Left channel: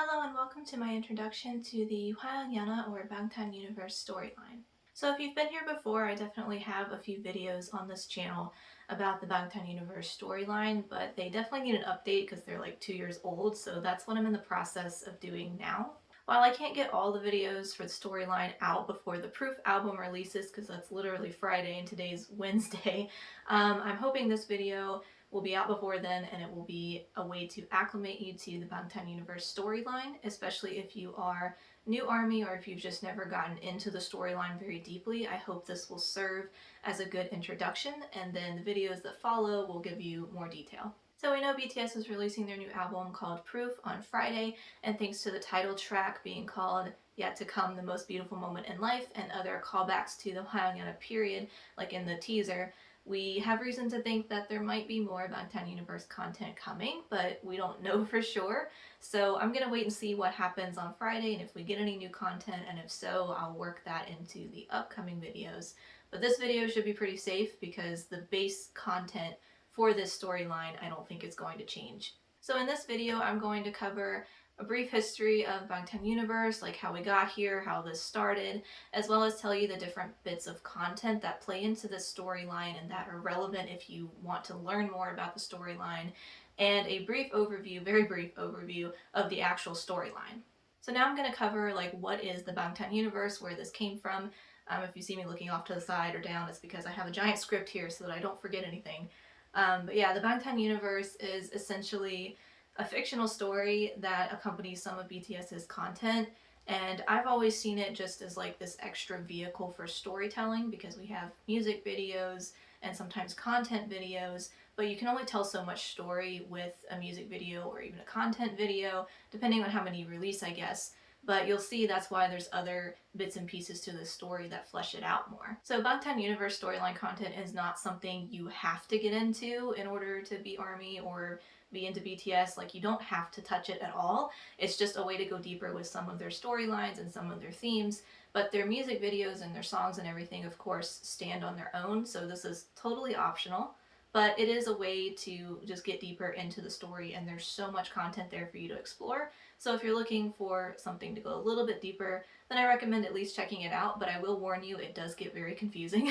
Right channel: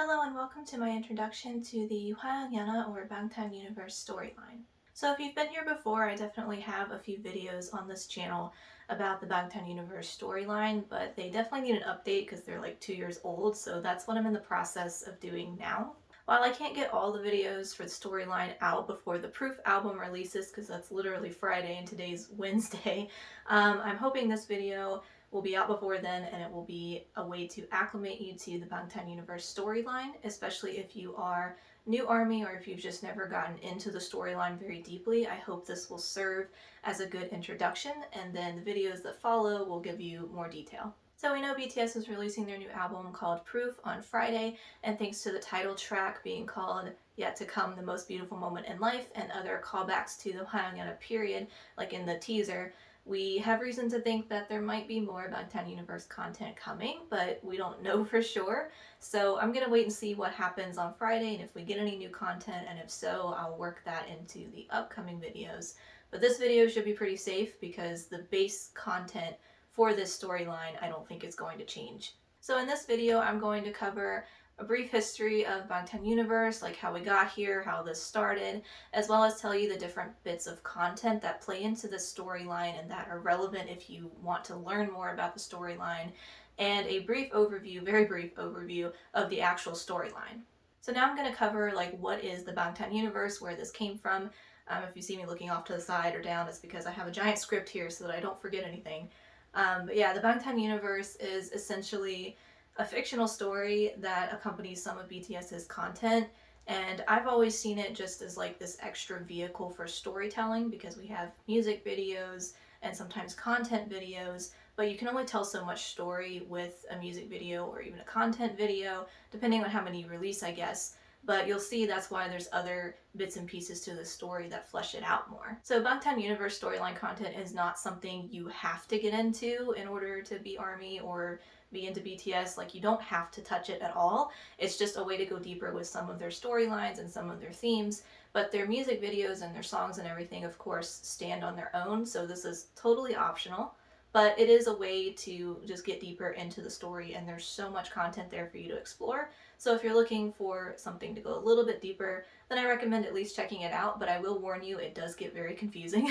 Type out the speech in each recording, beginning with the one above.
Hello and welcome to my introduction to the HYYH or BANGTAN universe storyline. So if you've been here before, I definitely have a few videos on this channel about the BANGTAN universe storyline, but they definitely need an update because they're like 2 years old, so that's what I'm in the process of doing now. While I can't get all the videos for the storyline out before the Proof album releases, because that's literally Friday and today's Wednesday, I'm hoping this video will be out before then, and it will be a way to acclimate you to the BANGTAN universe storyline, especially if you are new ARMY or if you've just never gotten into the storyline very deeply. I hope this will serve as a good introduction, and then the videos that follow will give you more detail. So we know BTS is releasing their new album called Proof on Friday, and thanks to the title track being called Yet to Come, the Most Beautiful Moment in Life, and other callbacks to the HYYH period, like in the teaser, we have reason to think that there might be more BANGTAN universe content coming, but we don't know for sure. So I'm gonna wait and see what happens on Friday, and if we get any new content, and if so, I'll work that into the upcoming videos. But this video should be pretty safe because the base content for this storyline I don't think is going to change. So in this video, I'm going to cover a brief history of BANGTAN universe, like how we got here, how this started, as well as tell you the different bits of content that play into the storyline and that are relevant if you want to learn more about the storyline, and a brief overview, very brief overview, of the actual storyline. So now I'm going to cover like what is the BANGTAN universe, where this came from. If you see me looking off to the side or down, it's because I have a giant script here so that I don't forget anything. But yeah, the BANGTAN universe is essentially a fictional story that accompanies some of BTS's content, and I've always seen it just as like this extra vehicle for storytelling because we have music videos and sometimes content videos, but you can only tell so much story with a music video or even a content video, depending on how many you release, I guess. But you'll see that's why there's other bits and pieces to the story that flesh it out more. So BANGTAN universe storyline content is not something you have to get into in order to be ARMY or be into BTS. Like, you don't have to touch it at all. It's just a way to go deeper with some of their storylines and some of their themes. But their music videos and their songs and everything, of course, stand on their own. So this is totally optional. But it is a way to just get deeper into the story, and there's so much content there for you to explore. So if you're looking for something to go a little bit deeper, then I recommend at least checking it out, but I will warn you, it does get very confusing.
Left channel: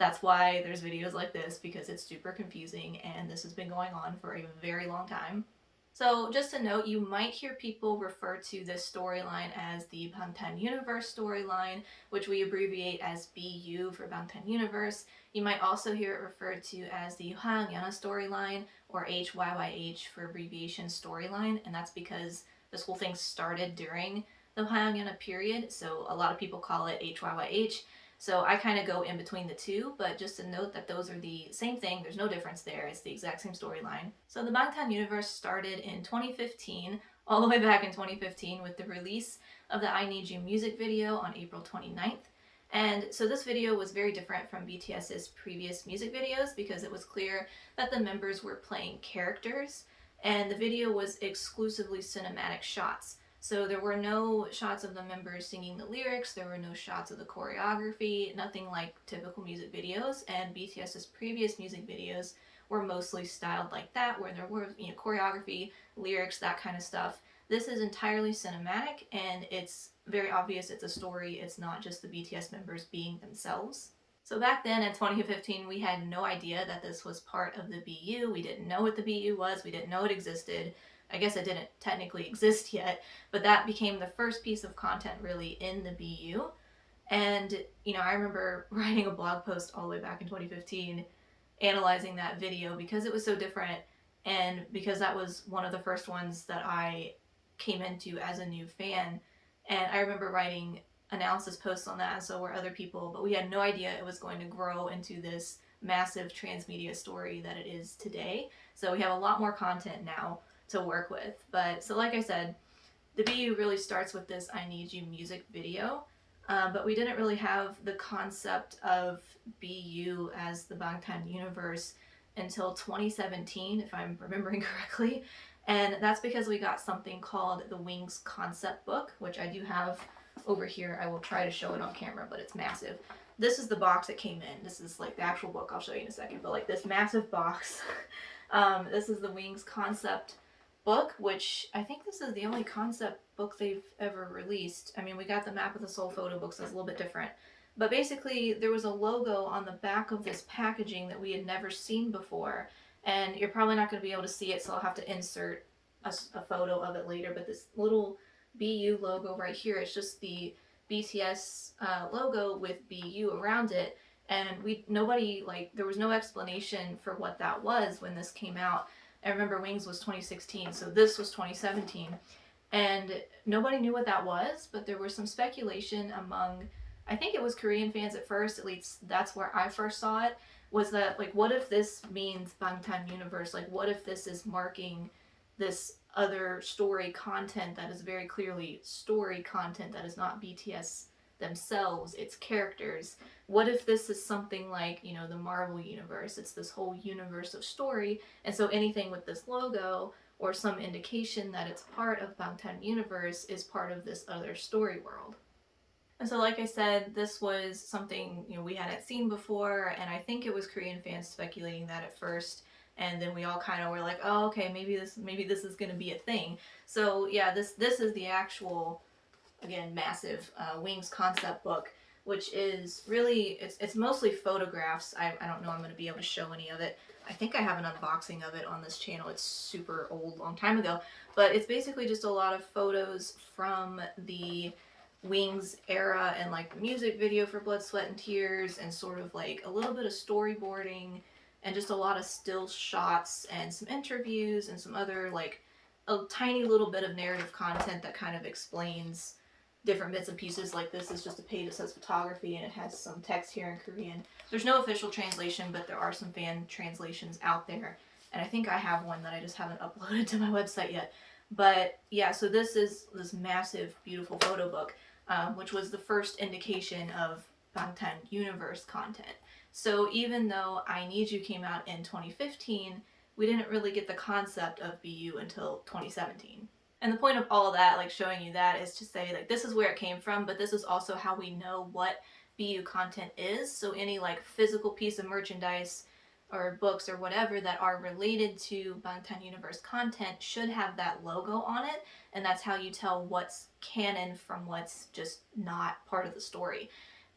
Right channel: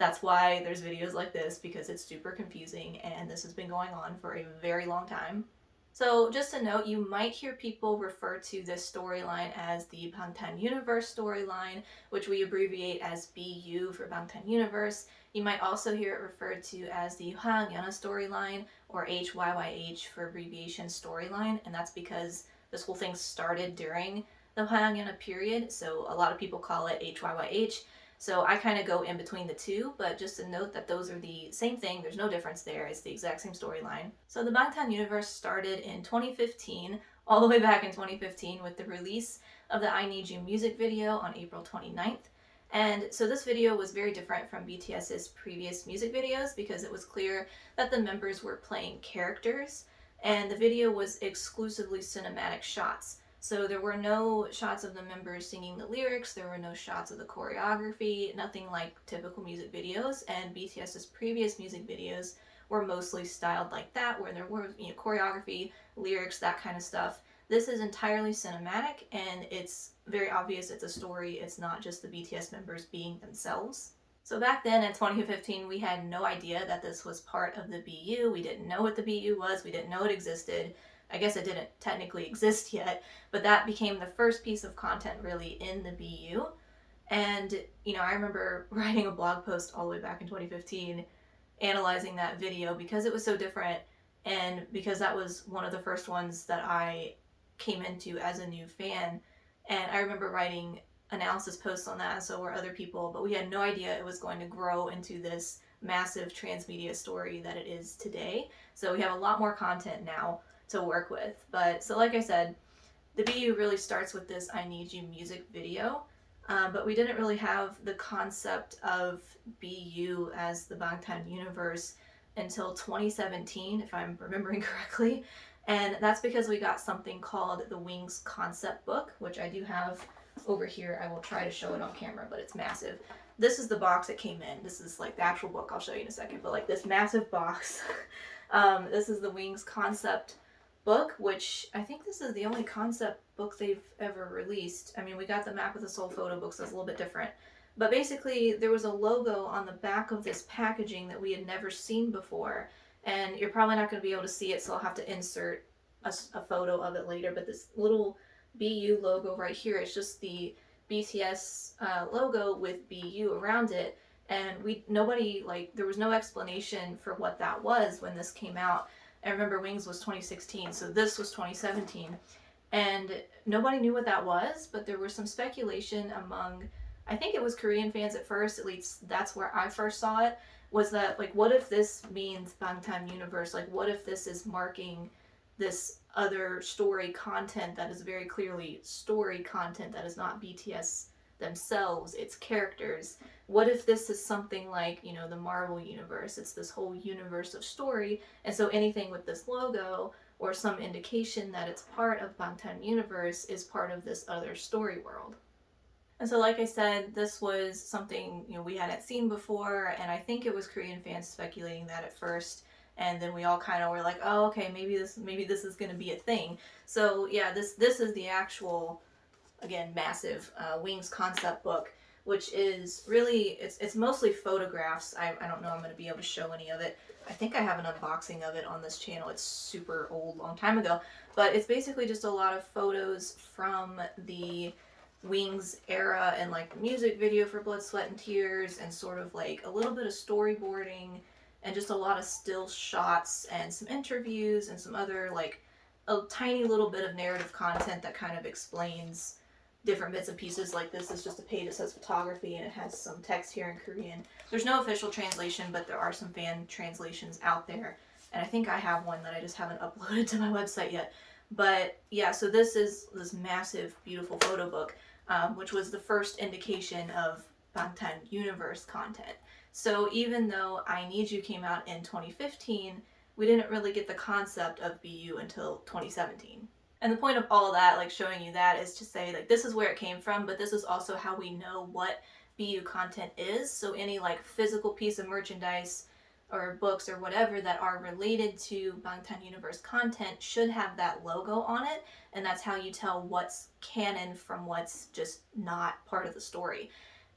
That's why there's videos like this, because it's super confusing, and this has been going on for a very long time. So just a note, you might hear people refer to this storyline as the BANGTAN Universe storyline, which we abbreviate as BU for BANGTAN Universe. You might also hear it referred to as the HYYH storyline, or HYYH for abbreviation storyline, and that's because this whole thing started during the HYYH period, so a lot of people call it HYYH. So I kind of go in between the two, but just to note that those are the same thing. There's no difference there. It's the exact same storyline. So the BANGTAN universe started in 2015, all the way back in 2015, with the release of the I Need You music video on April 29th. And so this video was very different from BTS's previous music videos because it was clear that the members were playing characters, and the video was exclusively cinematic shots. So there were no shots of the members singing the lyrics, there were no shots of the choreography, nothing like typical music videos, and BTS's previous music videos were mostly styled like that, where there were, choreography, lyrics, that kind of stuff. This is entirely cinematic, and it's very obvious it's a story. It's not just the BTS members being themselves. So back then in 2015, we had no idea that this was part of the BU. We didn't know what the BU was. We didn't know it existed. I guess it didn't technically exist yet, but that became the first piece of content really in the BU. And, I remember writing a blog post all the way back in 2015, analyzing that video because it was so different, and because that was one of the first ones that I came into as a new fan. And I remember writing analysis posts on that, and so were other people, but we had no idea it was going to grow into this massive transmedia story that it is today. So we have a lot more content now to work with. But so like I said, the BU really starts with this I Need You music video, but we didn't really have the concept of BU as the BANGTAN universe until 2017, if I'm remembering correctly. And that's because we got something called the Wings concept book, which I do have over here. I will try to show it on camera, but it's massive. This is the box it came in. This is like the actual book. I'll show you in a second, but like this massive box. This is the Wings concept book, which I think this is the only concept book they've ever released. I mean, we got the Map of the Soul photo book, so it's a little bit different. But basically, there was a logo on the back of this packaging that we had never seen before. And you're probably not going to be able to see it, so I'll have to insert a photo of it later. But this little BU logo right here, it's just the BTS logo with BU around it. And nobody, like, there was no explanation for what that was when this came out. I remember Wings was 2016, so this was 2017. And nobody knew what that was, but there was some speculation among, I think it was Korean fans at first, at least that's where I first saw it, was that, like, what if this means Bangtan Universe? Like, what if this is marking this other story content that is very clearly story content that is not BTS themselves, it's characters? What if this is something like, you know, the Marvel universe? It's this whole universe of story, and so anything with this logo or some indication that it's part of Bangtan universe is part of this other story world. And so, like I said, this was something, you know, we hadn't seen before, and I think it was Korean fans speculating that at first, and then we all kind of were like, oh, okay, maybe this is going to be a thing. So yeah, this is the actual, again, massive Wings concept book, which is really, it's mostly photographs. I don't know I'm going to be able to show any of it. I think I have an unboxing of it on this channel. It's super old, long time ago, but it's basically just a lot of photos from the Wings era and like the music video for Blood, Sweat, and Tears, and sort of like a little bit of storyboarding and just a lot of still shots and some interviews and some other, like, a tiny little bit of narrative content that kind of explains different bits and pieces. Like, this is just a page that says photography and it has some text here in Korean. There's no official translation, but there are some fan translations out there, and I think I have one that I just haven't uploaded to my website yet. But yeah, so this is this massive, beautiful photo book, which was the first indication of Bangtan Universe content. So even though I Need You came out in 2015, we didn't really get the concept of BU until 2017. And the point of all of that, like showing you that, is to say, like, this is where it came from, but this is also how we know what BU content is. So any like physical piece of merchandise or books or whatever that are related to Bangtan Universe content should have that logo on it, and that's how you tell what's canon from what's just not part of the story.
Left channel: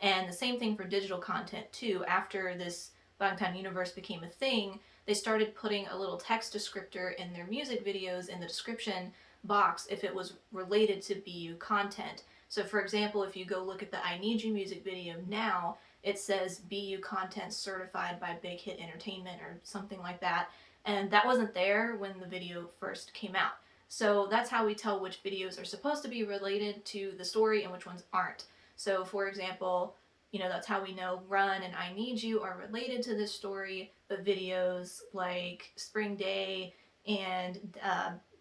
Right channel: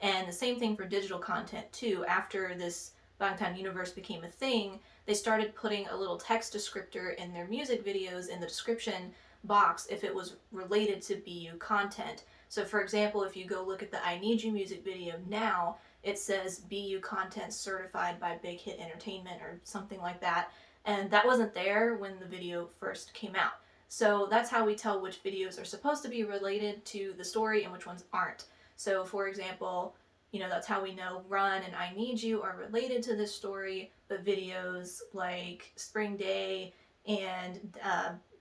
And the same thing for digital content too. After this Bangtan Universe became a thing, they started putting a little text descriptor in their music videos in the description box if it was related to BU content. So for example, if you go look at the I Need You music video now, it says BU content certified by Big Hit Entertainment or something like that, and that wasn't there when the video first came out. So that's how we tell which videos are supposed to be related to the story and which ones aren't. So for example, you know, that's how we know Run and I Need You are related to this story, but videos like Spring Day and,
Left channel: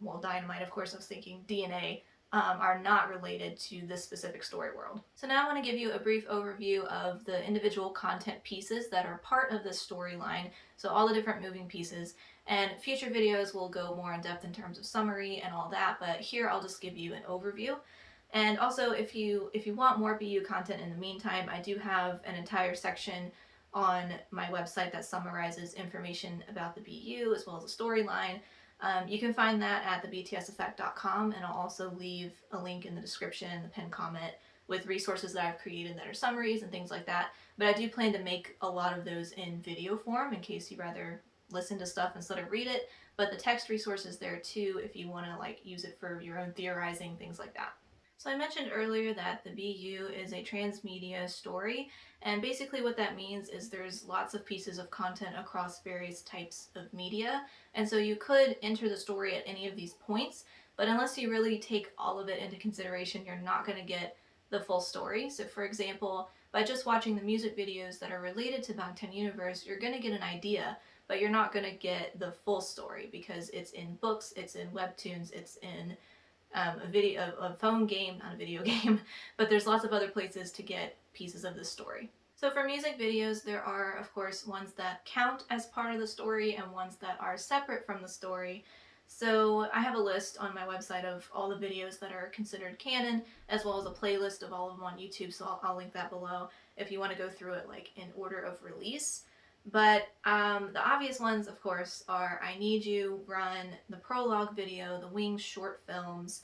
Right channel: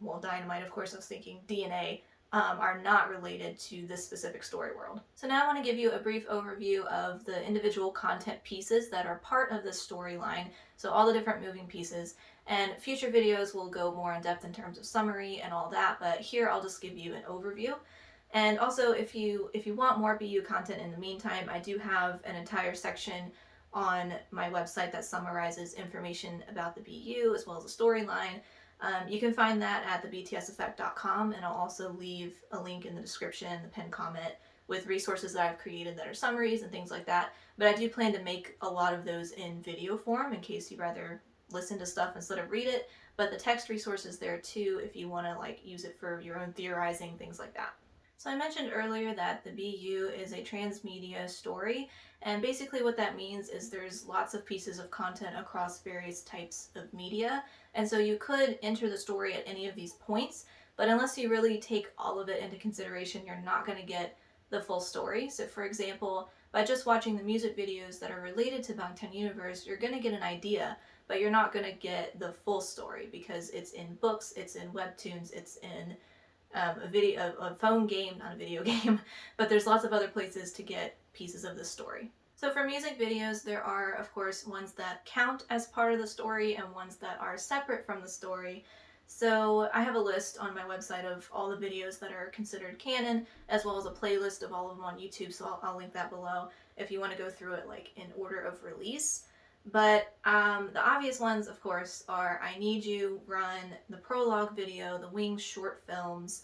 well, Dynamite, of course, I was thinking DNA, are not related to this specific story world. So now I want to give you a brief overview of the individual content pieces that are part of this storyline, so all the different moving pieces, and future videos will go more in depth in terms of summary and all that, but here I'll just give you an overview. And also, if you want more BU content in the meantime, I do have an entire section on my website that summarizes information about the BU as well as the storyline. You can find that at thebtseffect.com, and I'll also leave a link in the description, the pinned comment, with resources that I've created that are summaries and things like that. But I do plan to make a lot of those in video form in case you'd rather listen to stuff instead of read it. But the text resource is there too if you want to like use it for your own theorizing, things like that. So I mentioned earlier that the BU is a transmedia story, and basically what that means is there's lots of pieces of content across various types of media, and so you could enter the story at any of these points, but unless you really take all of it into consideration, you're not going to get the full story. So for example, by just watching the music videos that are related to Bangtan Universe, you're going to get an idea, but you're not going to get the full story because it's in books, it's in webtoons, it's in a phone game, not a video game, but there's lots of other places to get pieces of this story. So for music videos, there are, of course, ones that count as part of the story and ones that are separate from the story. So I have a list on my website of all the videos that are considered canon, as well as a playlist of all of them on YouTube, so I'll link that below if you want to go through it like in order of release. But the obvious ones, of course, are I Need You, Run, the prologue video, the Wings short films,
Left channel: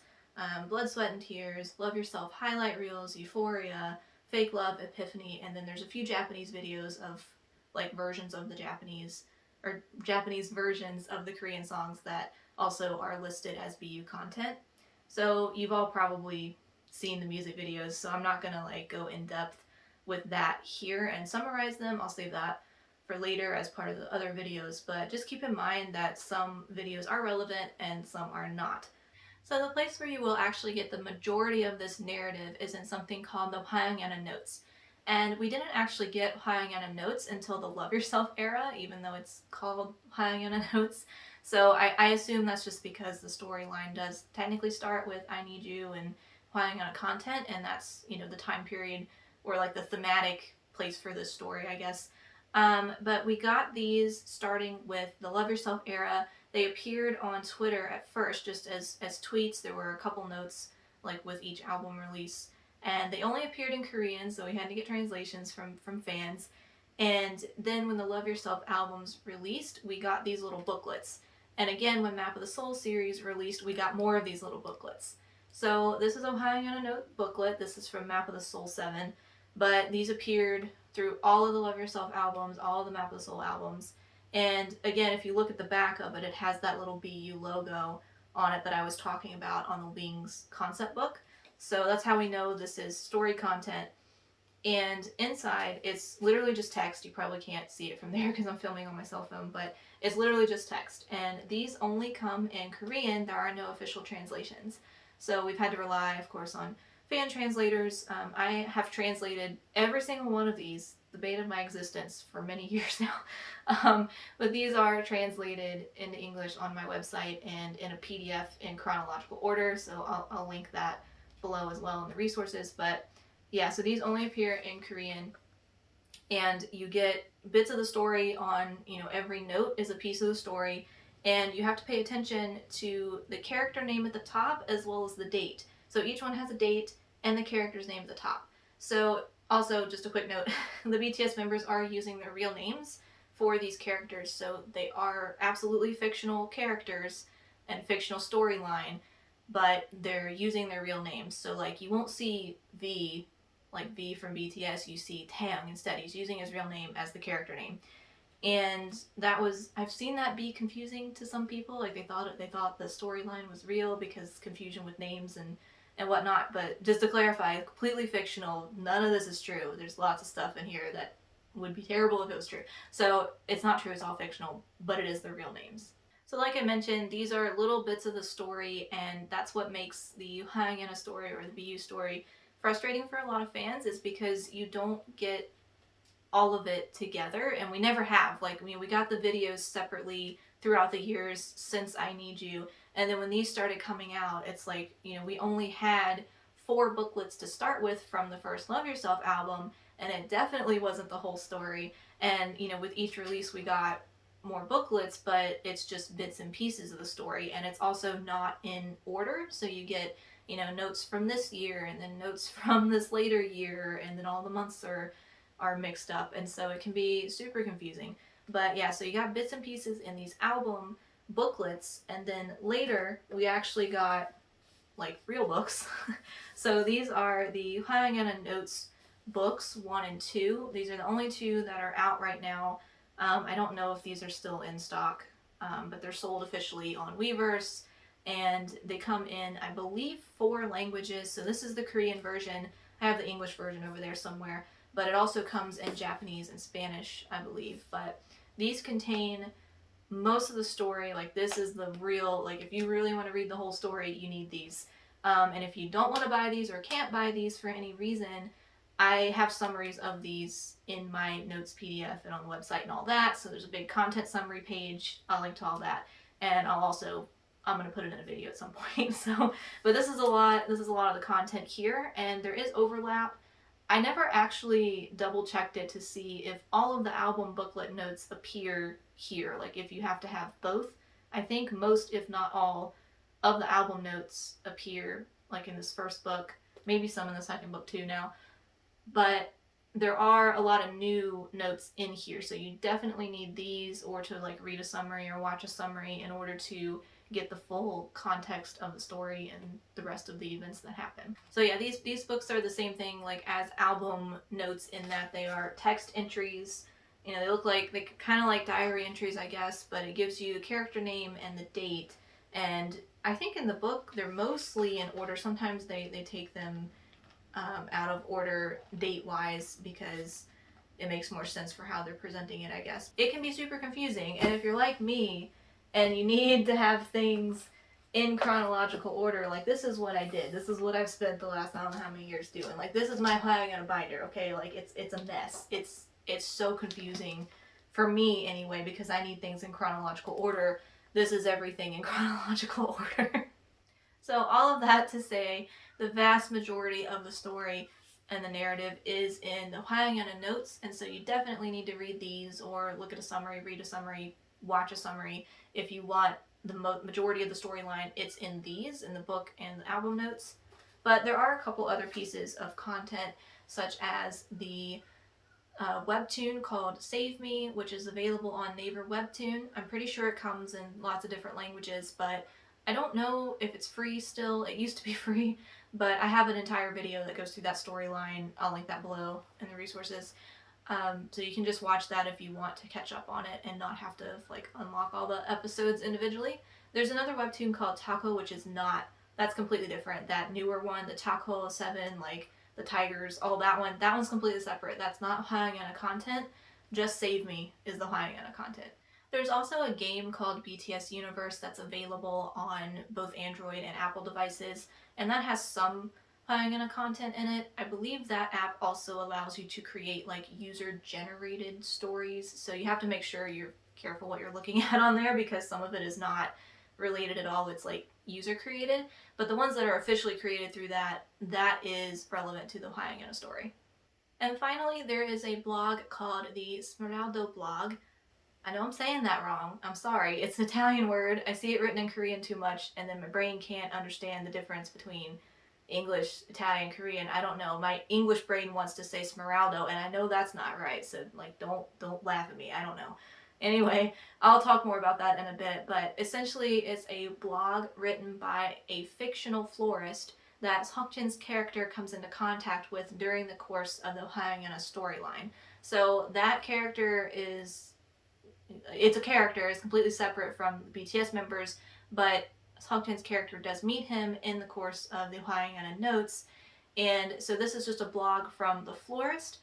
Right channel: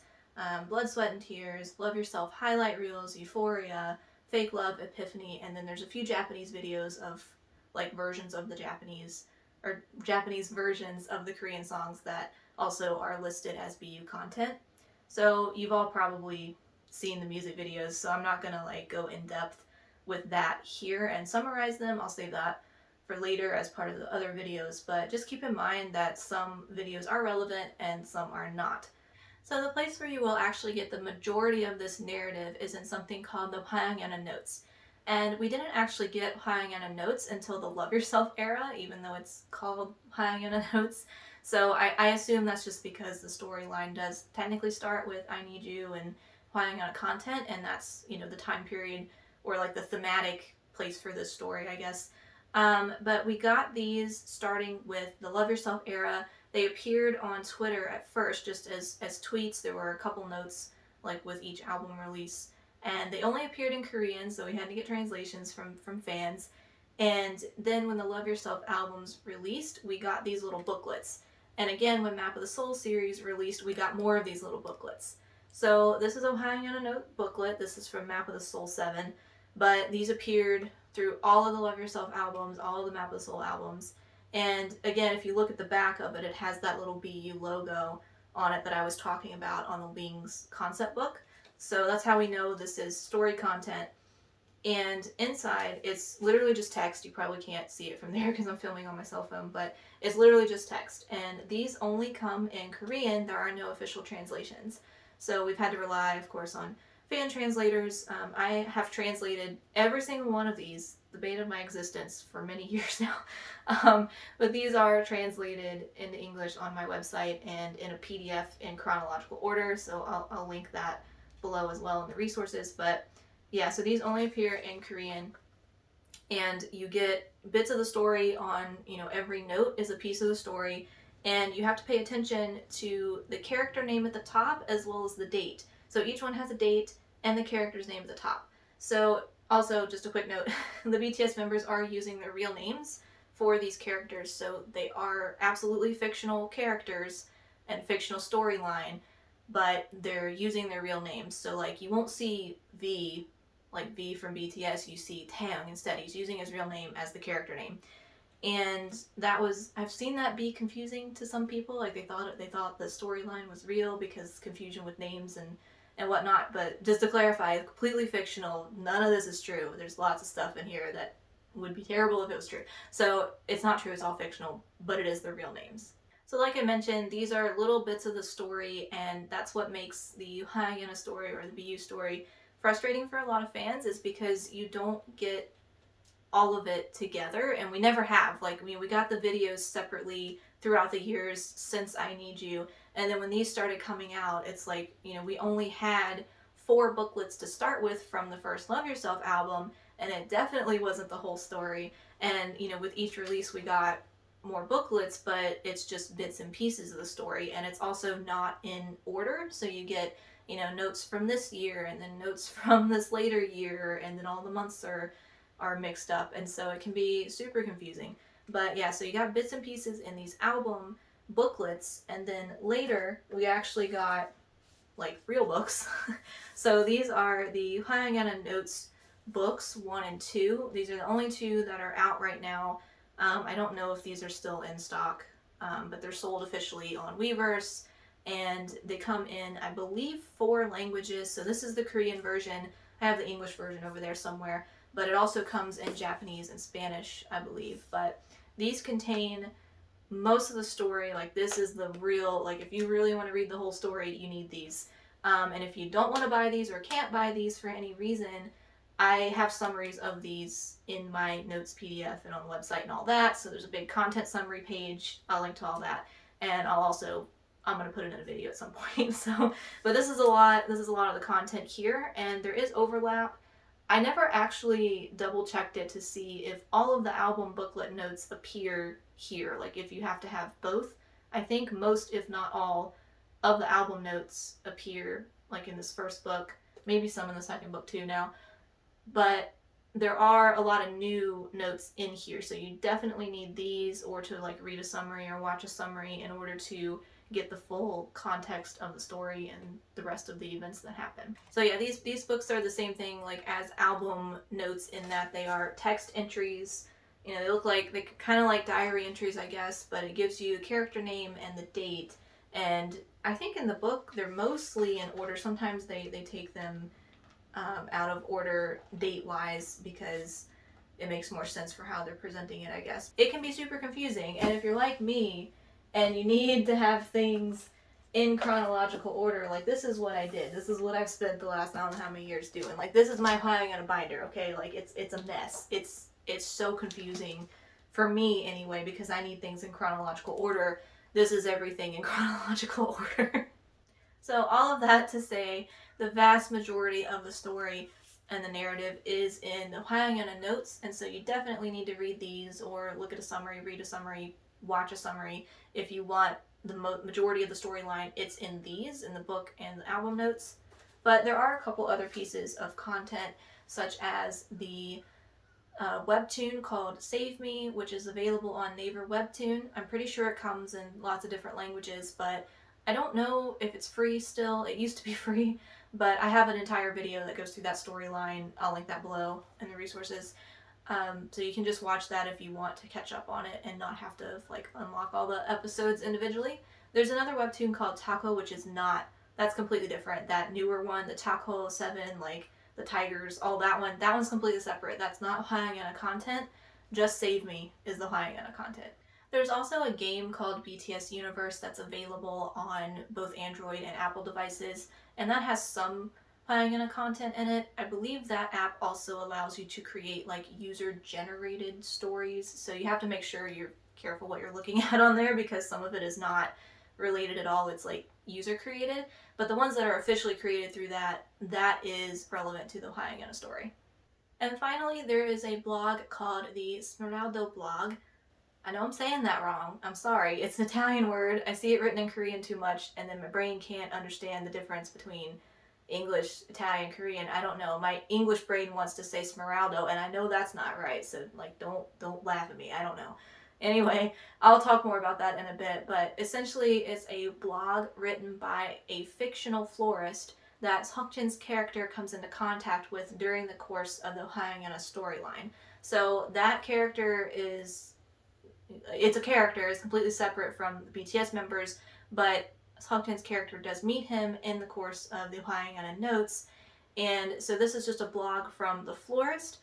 Blood, Sweat, and Tears, Love Yourself highlight reels, Euphoria, Fake Love, Epiphany, and then there's a few Japanese videos of like versions of the Japanese or Japanese versions of the Korean songs that also are listed as BU content. So you've all probably seen the music videos, so I'm not gonna like go in depth with that here and summarize them. I'll save that for later as part of the other videos, but just keep in mind that some videos are relevant and some are not. So the place where you will actually get the majority of this narrative is in something called the HYYH notes. And we didn't actually get HYYH notes until the Love Yourself era, even though it's called HYYH notes. So I assume that's just because the storyline does technically start with I Need You and HYYH content, and that's, you know, the time period or like the thematic place for this story, I guess. But we got these starting with the Love Yourself era. They appeared on Twitter at first just as tweets. There were a couple notes like with each album release. And they only appeared in Korean, so we had to get translations from fans. And then when the Love Yourself albums released, we got these little booklets. And again, when Map of the Soul series released, we got more of these little booklets. So this is a HYYH note booklet. This is from Map of the Soul 7. But these appeared through all of the Love Yourself albums, all of the Map of the Soul albums. And again, if you look at the back of it, it has that little BU logo on it that I was talking about on the Wings concept book. So that's how we know this is story content. And inside, it's literally just text. You probably can't see it from there because I'm filming on my cell phone, but it's literally just text. And these only come in Korean. There are no official translations. So we've had to rely, of course, on fan translators. I have translated every single one of these, the bane of my existence, for many years now. But these are translated into English on my website and in a PDF in chronological order. So I'll link that below as well in the resources. But yeah, so these only appear in Korean, and you get bits of the story on, you know, every note is a piece of the story, and you have to pay attention to the character name at the top as well as the date. So each one has a date and the character's name at the top. So also, just a quick note, the BTS members are using their real names for these characters, so they are absolutely fictional characters and fictional storyline, but they're using their real names. So like you won't see V, like V from BTS, you see Taeyang instead. He's using his real name as the character name. And that was, I've seen that be confusing to some people. Like they thought the storyline was real because confusion with names and whatnot. But just to clarify, completely fictional. None of this is true. There's lots of stuff in here that would be terrible if it was true. So it's not true. It's all fictional, but it is their real names. So like I mentioned, these are little bits of the story, and that's what makes the HYYH story or the BU story frustrating for a lot of fans, is because you don't get all of it together, and we never have. Like, we got the videos separately throughout the years since I Need You, and then when these started coming out, it's like, you know, we only had 4 booklets to start with from the first Love Yourself album, and it definitely wasn't the whole story. And, you know, with each release we got more booklets, but it's just bits and pieces of the story, and it's also not in order. So you get, you know, notes from this year and then notes from this later year, and then all the months are mixed up, and so it can be super confusing. But yeah, so you got bits and pieces in these album booklets, and then later we actually got like real books. So these are the HYYH notes books 1 and 2. These are the only 2 that are out right now. I don't know if these are still in stock, but they're sold officially on Weverse, and they come in, I believe, 4 languages. So this is the Korean version. I have the English version over there somewhere, but it also comes in Japanese and Spanish, I believe. But these contain most of the story. Like, this is the real, like, if you really want to read the whole story, you need these. And if you don't want to buy these or can't buy these for any reason, I have summaries of these in my notes PDF and on the website and all that. So there's a big content summary page. I'll link to all that. And I'm going to put it in a video at some point. So, but this is a lot of the content here, and there is overlap. I never actually double checked it to see if all of the album booklet notes appear here, like if you have to have both. I think most, if not all, of the album notes appear like in this first book, maybe some in the second book too now. But there are a lot of new notes in here, so you definitely need these or to like read a summary or watch a summary in order to get the full context of the story and the rest of the events that happen. So yeah, these books are the same thing like as album notes in that they are text entries. You know, they look like, they kind of like diary entries, I guess, but it gives you the character name and the date. And I think in the book they're mostly in order. Sometimes they take them out of order date wise because it makes more sense for how they're presenting it, I guess. It can be super confusing, and if you're like me and you need to have things in chronological order, like this is what I did. This is what I've spent the last I don't know how many years doing. Like this is my piling on a binder, okay? Like it's a mess. It's so confusing for me anyway because I need things in chronological order. This is everything in chronological order. So all of that to say, the vast majority of the story and the narrative is in the HYYH notes, and so you definitely need to read these or look at a summary, read a summary, watch a summary. If you want the majority of the storyline, it's in these, in the book and the album notes. But there are a couple other pieces of content, such as the webtoon called Save Me, which is available on Naver Webtoon. I'm pretty sure it comes in lots of different languages, but I don't know if it's free still. It used to be free, but I have an entire video that goes through that storyline. I'll link that below in the resources. So you can just watch that if you want to catch up on it and not have to like unlock all the episodes individually. There's another webtoon called Taco, which is not, that's completely different. That newer one, the Taco 7, like the tigers, all that one's completely separate. That's not HYYH content. Just Save Me is the HYYH content. There's also a game called BTS Universe that's available on both Android and Apple devices, and that has some HYYH content in it. I believe that app also allows you to create like user-generated stories, so you have to make sure you're careful what you're looking at on there because some of it is not related at all. It's like user created, but the ones that are officially created through that is relevant to the HYYH story. And finally, there is a blog called the Smeraldo blog. I know I'm saying that wrong. I'm sorry. It's an Italian word. I see it written in Korean too much, and then my brain can't understand the difference between English, Italian, Korean. I don't know. My English brain wants to say Smeraldo, and I know that's not right. So like, don't laugh at me. I don't know. Anyway, I'll talk more about that in a bit, but essentially it's a blog written by a fictional florist that Seokjin's character comes into contact with during the course of the HYYH storyline. So that character is, it's a character, it's completely separate from the BTS members, but Seokjin's character does meet him in the course of the HYYH notes, and so this is just a blog from the florist,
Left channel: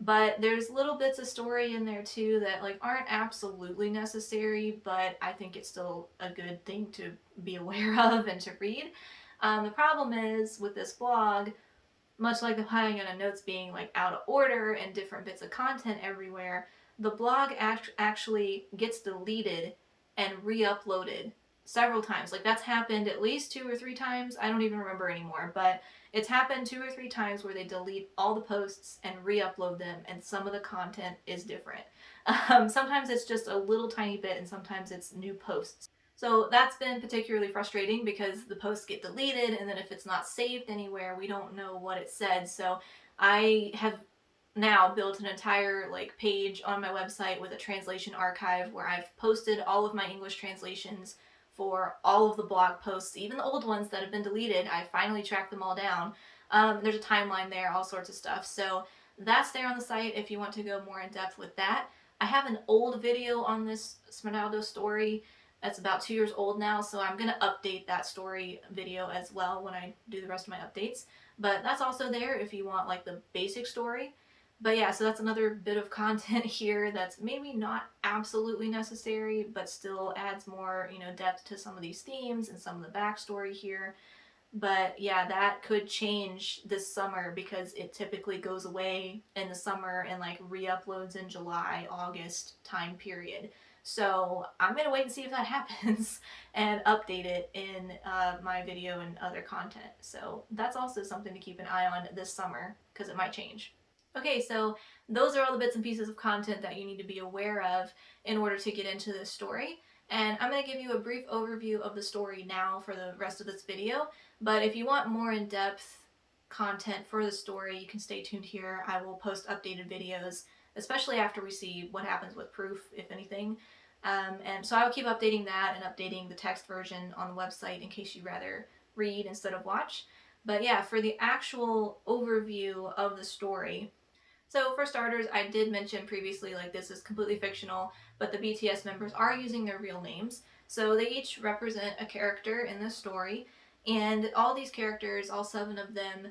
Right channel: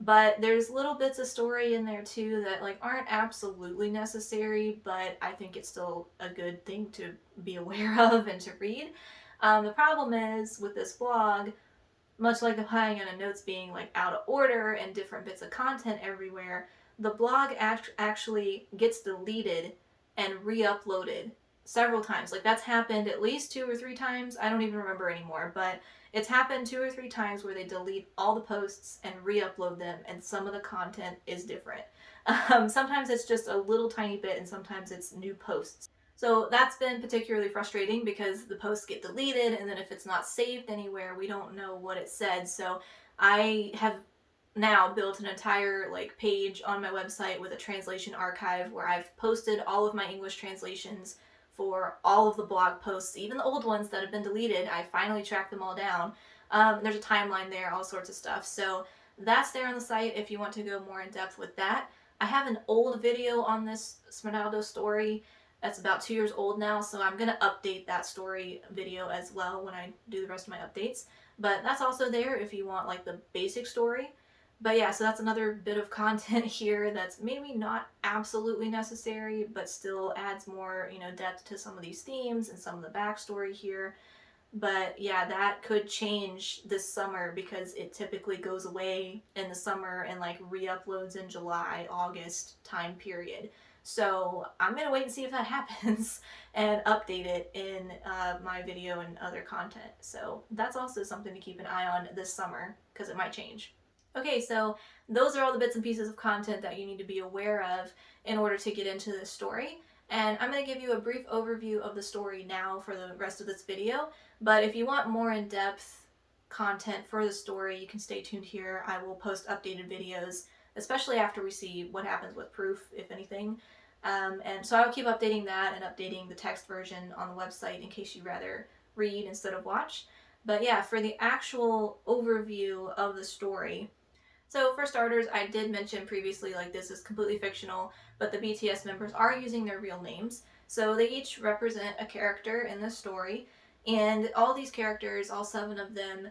but there's little bits of story in there too that like aren't absolutely necessary, but I think it's still a good thing to be aware of and to read. The problem is with this blog, much like the HYYH notes being like out of order and different bits of content everywhere, the blog actually gets deleted and re-uploaded several times. Like that's happened at least 2 or 3 times. I don't even remember anymore, but it's happened 2 or 3 times where they delete all the posts and re-upload them, and some of the content is different. Sometimes it's just a little tiny bit, and sometimes it's new posts. So that's been particularly frustrating because the posts get deleted, and then if it's not saved anywhere, we don't know what it said. So I have now built an entire like page on my website with a translation archive where I've posted all of my English translations for all of the blog posts, even the old ones that have been deleted. I finally tracked them all down. There's a timeline there, all sorts of stuff. So that's there on the site if you want to go more in depth with that. I have an old video on this Smeraldo story that's about 2 years old now, so I'm going to update that story video as well when I do the rest of my updates. But that's also there if you want like the basic story. But yeah, so that's another bit of content here that's maybe not absolutely necessary, but still adds more, you know, depth to some of these themes and some of the backstory here. But yeah, that could change this summer because it typically goes away in the summer and like re-uploads in July, August time period. So I'm gonna wait and see if that happens and update it in my video and other content. So that's also something to keep an eye on this summer because it might change. Okay, so those are all the bits and pieces of content that you need to be aware of in order to get into this story. And I'm going to give you a brief overview of the story now for the rest of this video, but if you want more in-depth content for the story, you can stay tuned here. I will post updated videos, especially after we see what happens with Proof, if anything. And so I'll keep updating that and updating the text version on the website in case you'd rather read instead of watch. But yeah, for the actual overview of the story, so for starters, I did mention previously, like, this is completely fictional, but the BTS members are using their real names. So they each represent a character in the story, and all these characters, all 7 of them,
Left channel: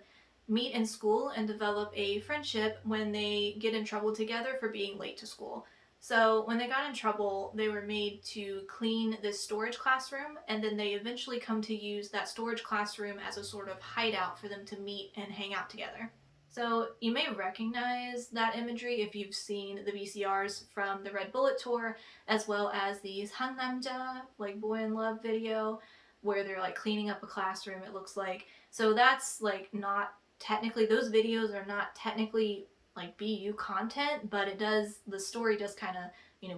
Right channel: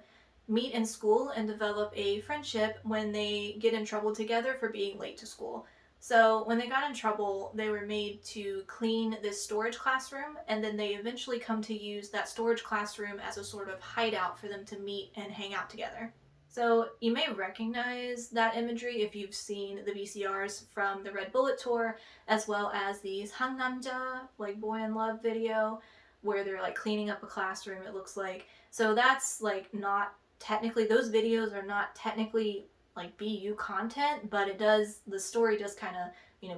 meet in school and develop a friendship when they get in trouble together for being late to school. So when they got in trouble, they were made to clean this storage classroom, and then they eventually come to use that storage classroom as a sort of hideout for them to meet and hang out together. So you may recognize that imagery if you've seen the VCRs from the Red Bullet tour, as well as the Hangnamja, like Boy in Love video, where they're like cleaning up a classroom, it looks like. So that's like not technically, those videos are not technically like BU content, but it does, the story does kind of,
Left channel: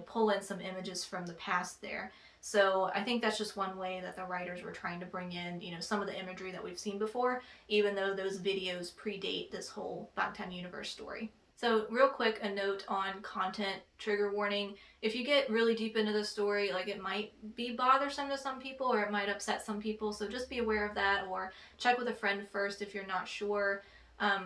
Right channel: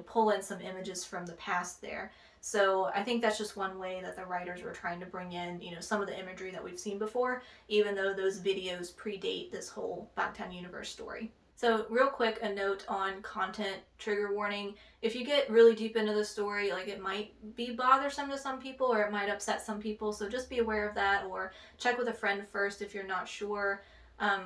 pull in some images from the past there. So I think that's just one way that the writers were trying to bring in, some of the imagery that we've seen before, even though those videos predate this whole Bangtan universe story. So real quick, a note on content trigger warning. If you get really deep into the story, like, it might be bothersome to some people or it might upset some people, so just be aware of that, or check with a friend first if you're not sure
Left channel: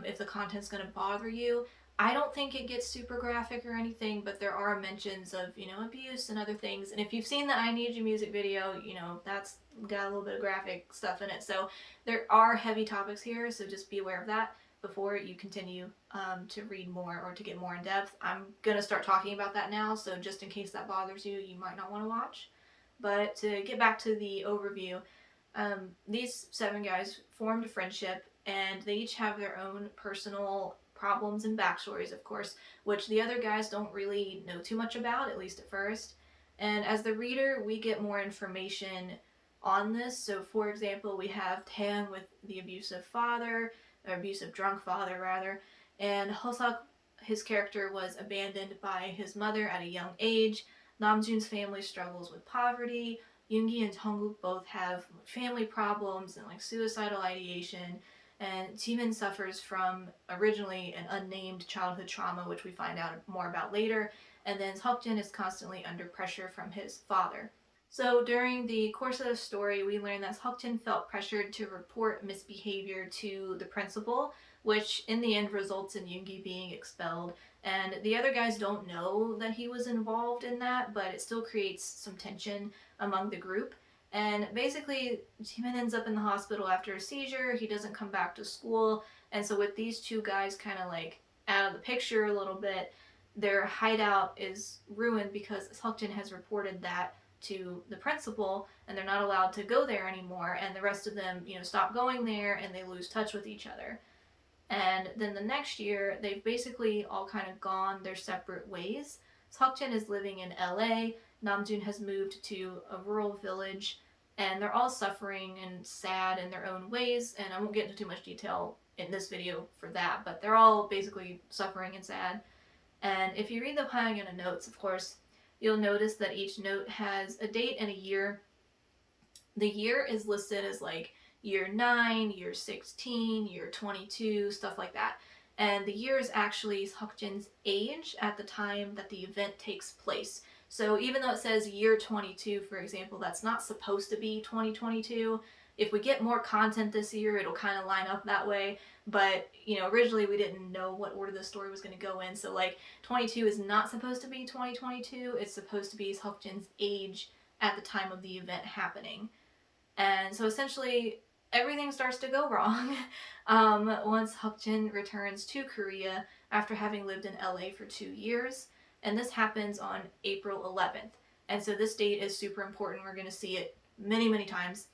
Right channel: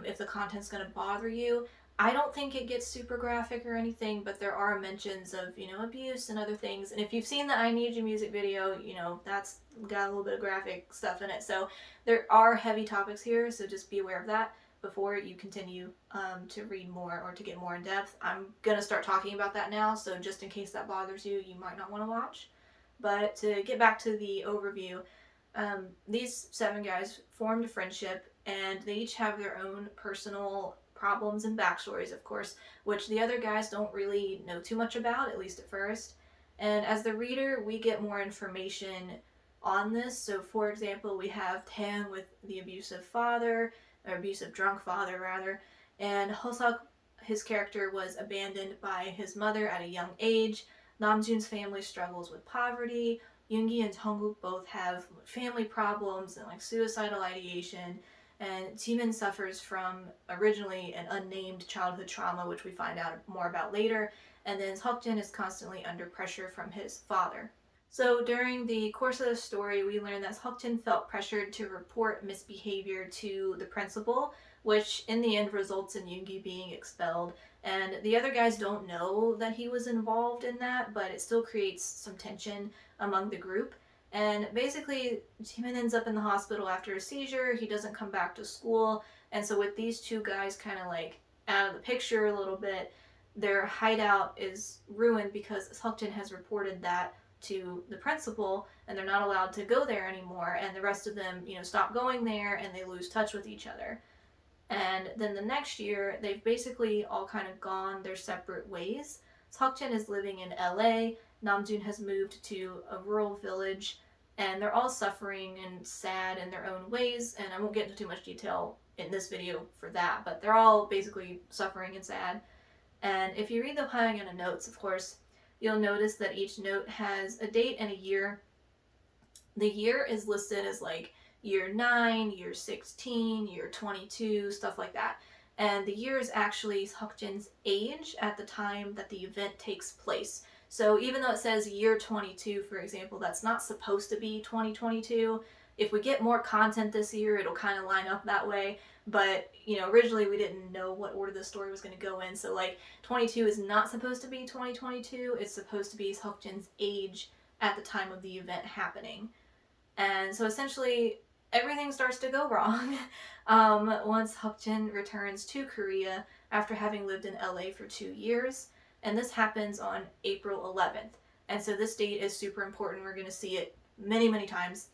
if the content's going to bother you. I don't think it gets super graphic or anything, but there are mentions of, abuse and other things. And if you've seen the I Need You music video, that's got a little bit of graphic stuff in it. So there are heavy topics here, so just be aware of that before you continue to read more or to get more in depth. I'm going to start talking about that now, so just in case that bothers you, you might not want to watch. But to get back to the overview, these 7 guys formed a friendship, and they each have their own personal problems and backstories, of course, which the other guys don't really know too much about, at least at first. And as the reader, we get more information on this. So, for example, we have Taeyang with the abusive father, or abusive drunk father, rather, and Hoseok, his character, was abandoned by his mother at a young age. Namjoon's family struggles with poverty. Yoongi and Jungkook both have family problems and like suicidal ideation, and Jimin suffers from originally an unnamed childhood trauma, which we find out more about later, and then Seokjin is constantly under pressure from his father. So during the course of the story, we learn that Seokjin felt pressured to report misbehavior to the principal, which in the end results in Yoongi being expelled. And the other guys don't know that he was involved in that, but it still creates some tension among the group. And basically, Jimin ends up in the hospital after a seizure. He doesn't come back to school. And so with these 2 guys kind of like out of the picture a little bit, their hideout is ruined because Seokjin has reported that to the principal, and they're not allowed to go there anymore. And the rest of them, stop going there, and they lose touch with each other. And then the next year, they've basically all kind of gone their separate ways. Seokjin is living in LA, Namjoon has moved to a rural village, and they're all suffering and sad in their own ways, and I won't get into too much detail in this video for that, but they're all basically suffering and sad. And if you read the HYYH notes, of course, you'll notice that each note has a date and a year. The year is listed as like year 9, year 16, year 22, stuff like that. And the year is actually Seokjin's age at the time that the event takes place. So even though it says year 22, for example, that's not supposed to be 2022. If we get more content this year, it'll kind of line up that way. But, originally we didn't know what order the story was going to go in. So, like, 22 is not supposed to be 2022. It's supposed to be Seokjin's age at the time of the event happening. And so essentially, everything starts to go wrong once Seokjin returns to Korea after having lived in LA for 2 years. And this happens on April 11th. And so this date is super important. We're going to see it many, many times.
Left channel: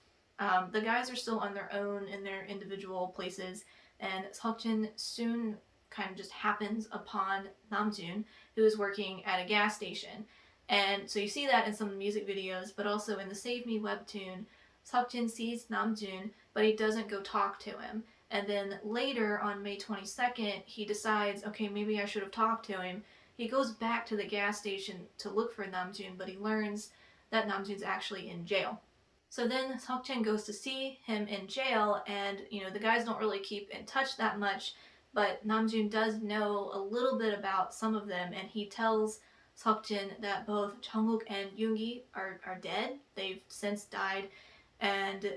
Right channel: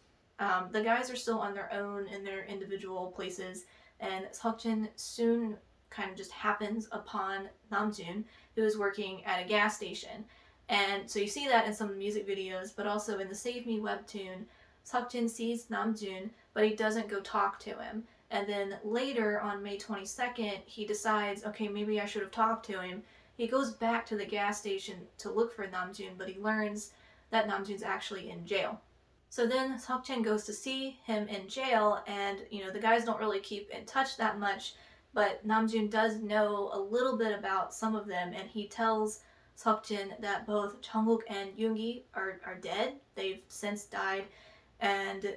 The guys are still on their own in their individual places, and Seokjin soon kind of just happens upon Namjoon, who is working at a gas station. And so you see that in some of the music videos, but also in the Save Me webtoon, Seokjin sees Namjoon, but he doesn't go talk to him. And then later on May 22nd, he decides, okay, maybe I should have talked to him. He goes back to the gas station to look for Namjoon, but he learns that Namjoon's actually in jail. So then Seokjin goes to see him in jail, and the guys don't really keep in touch that much, but Namjoon does know a little bit about some of them, and he tells Seokjin that both Jungkook and Yoongi are dead. They've since died, and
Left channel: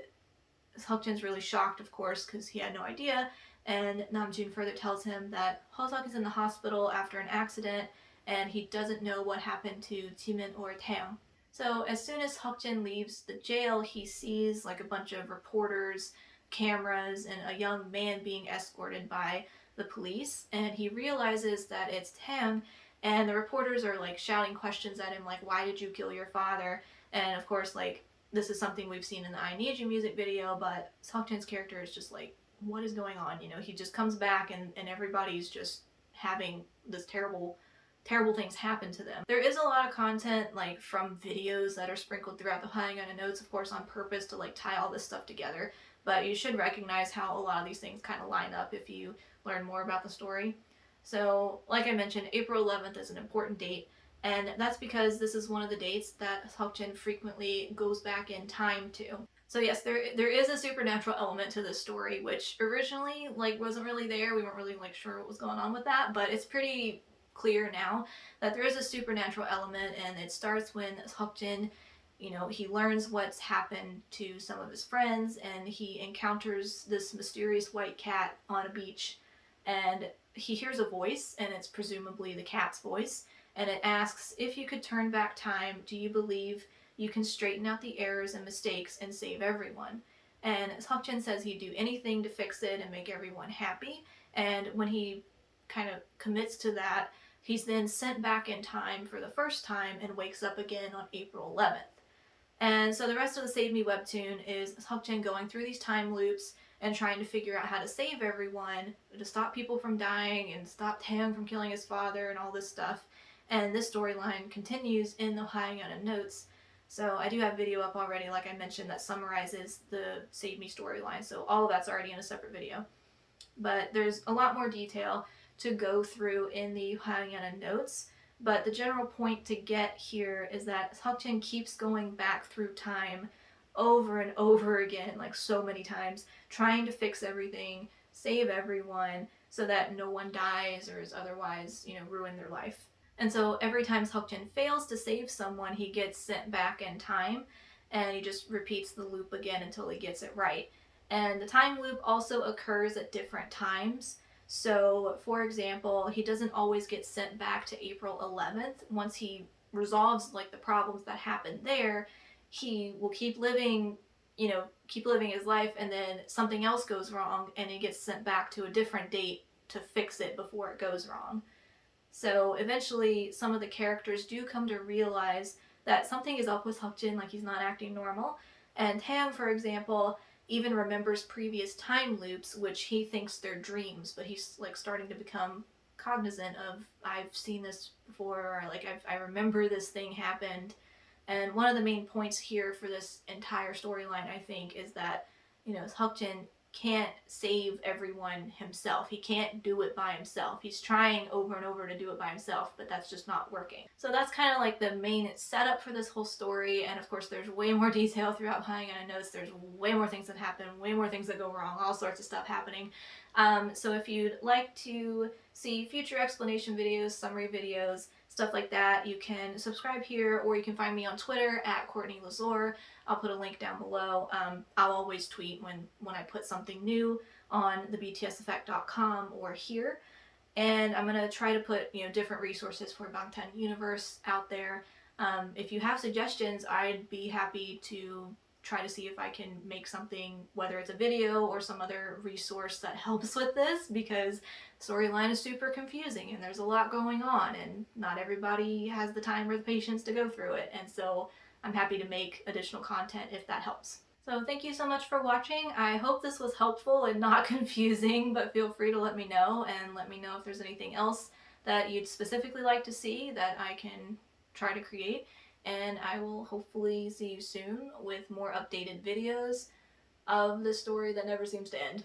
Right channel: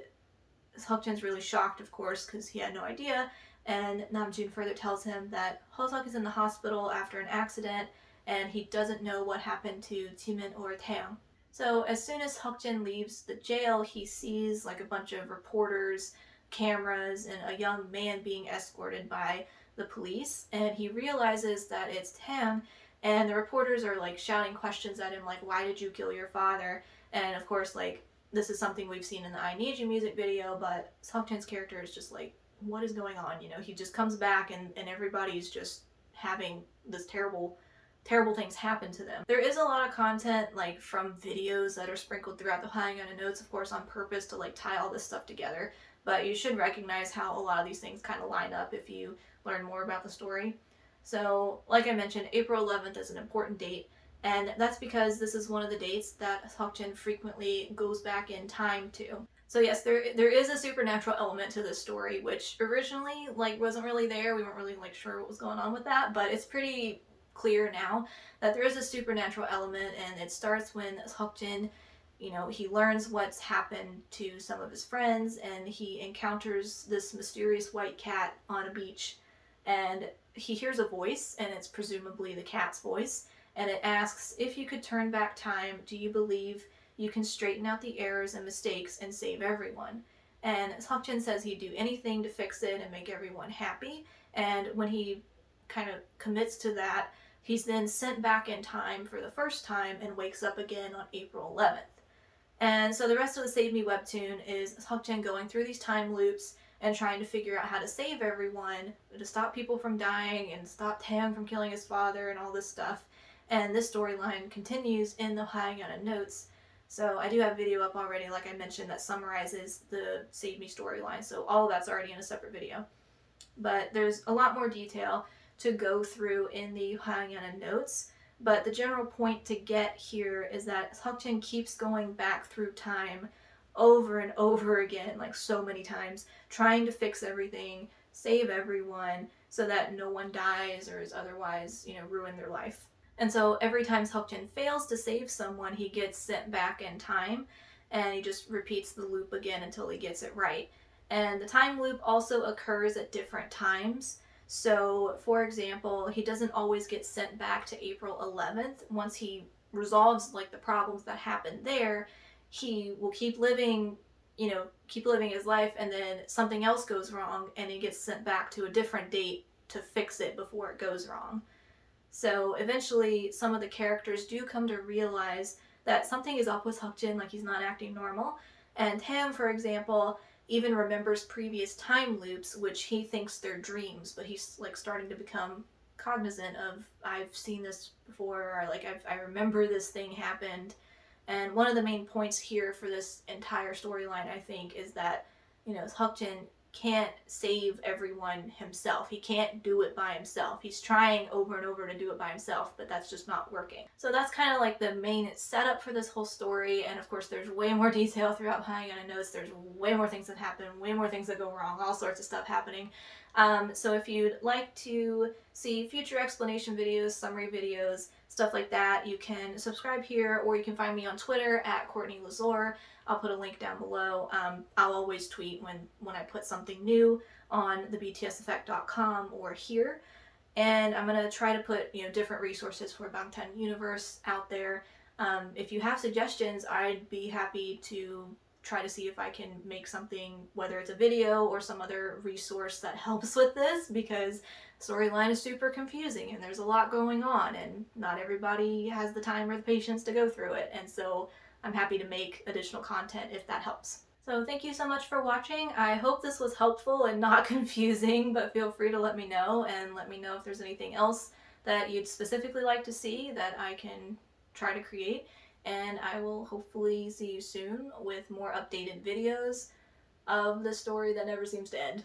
Seokjin's really shocked, of course, because he had no idea. And Namjoon further tells him that Hoseok is in the hospital after an accident, and he doesn't know what happened to Jimin or Taeyong. So as soon as Seokjin leaves the jail, he sees like a bunch of reporters, cameras, and a young man being escorted by the police, and he realizes that it's Taeyong, and the reporters are like shouting questions at him like, why did you kill your father? And of course, like, this is something we've seen in the I Need You music video, but Seokjin's character is just like, what is going on? He just comes back, and everybody's just having this terrible things happen to them. There is a lot of content like from videos that are sprinkled throughout the HYYH notes, of course, on purpose to like tie all this stuff together, but you should recognize how a lot of these things kind of line up if you learn more about the story. So like I mentioned, April 11th is an important date, and that's because this is one of the dates that Seokjin frequently goes back in time to. So yes, there is a supernatural element to this story, which originally like wasn't really there. We weren't really like sure what was going on with that, but it's pretty clear now that there is a supernatural element, and it starts when Seokjin, he learns what's happened to some of his friends, and he encounters this mysterious white cat on a beach, and he hears a voice, and it's presumably the cat's voice, and it asks, if you could turn back time, do you believe you can straighten out the errors and mistakes and save everyone? And Seokjin says he'd do anything to fix it and make everyone happy, and when he kind of commits to that, he's then sent back in time for the first time and wakes up again on April 11th. And so the rest of the Save Me webtoon is Seokjin going through these time loops and trying to figure out how to save everyone, to stop people from dying and stop Taeyong from killing his father and all this stuff. And this storyline continues in the HYYH notes. So I do have a video up already, like I mentioned, that summarizes the Save Me storyline. So all of that's already in a separate video. But there's a lot more detail to go through in the HYYH notes, but the general point to get here is that Seokjin keeps going back through time over and over again, like so many times, trying to fix everything, save everyone, so that no one dies or is otherwise, ruin their life. And so every time Seokjin fails to save someone, he gets sent back in time, and he just repeats the loop again until he gets it right. And the time loop also occurs at different times. So, for example, he doesn't always get sent back to April 11th. Once he resolves like the problems that happened there, he will keep living his life, and then something else goes wrong and he gets sent back to a different date to fix it before it goes wrong. So eventually some of the characters do come to realize that something is up with Seokjin, like he's not acting normal. And Taeyong, for example, even remembers previous time loops, which he thinks they're dreams, but he's like starting to become cognizant of, I've seen this before, or like I remember this thing happened. And one of the main points here for this entire storyline, I think, is that, Seokjin can't save everyone himself. He can't do it by himself. He's trying over and over to do it by himself, but that's just not working. So that's kind of like the main setup for this whole story, and of course there's way more detail throughout HYYH notes. There's way more things that happen, way more things that go wrong, all sorts of stuff happening. So if you'd like to see future explanation videos, summary videos, stuff like that, you can subscribe here, or you can find me on Twitter at Courtney Lazor. I'll put a link down below. I'll always tweet when I put something new on thebtseffect.com or here. And I'm going to try to put, different resources for BANGTAN Universe out there. If you have suggestions, I'd be happy to try to see if I can make something, whether it's a video or some other resource that helps with this, because the storyline is super confusing and there's a lot going on and not everybody has the time or the patience to go through it. And so I'm happy to make additional content if that helps. So thank you so much for watching. I hope this was helpful and not confusing, but feel free to let me know, and let me know if there's anything else that you'd specifically like to see that I can try to create. And I will hopefully see you soon with more updated videos of the story that never seems to end.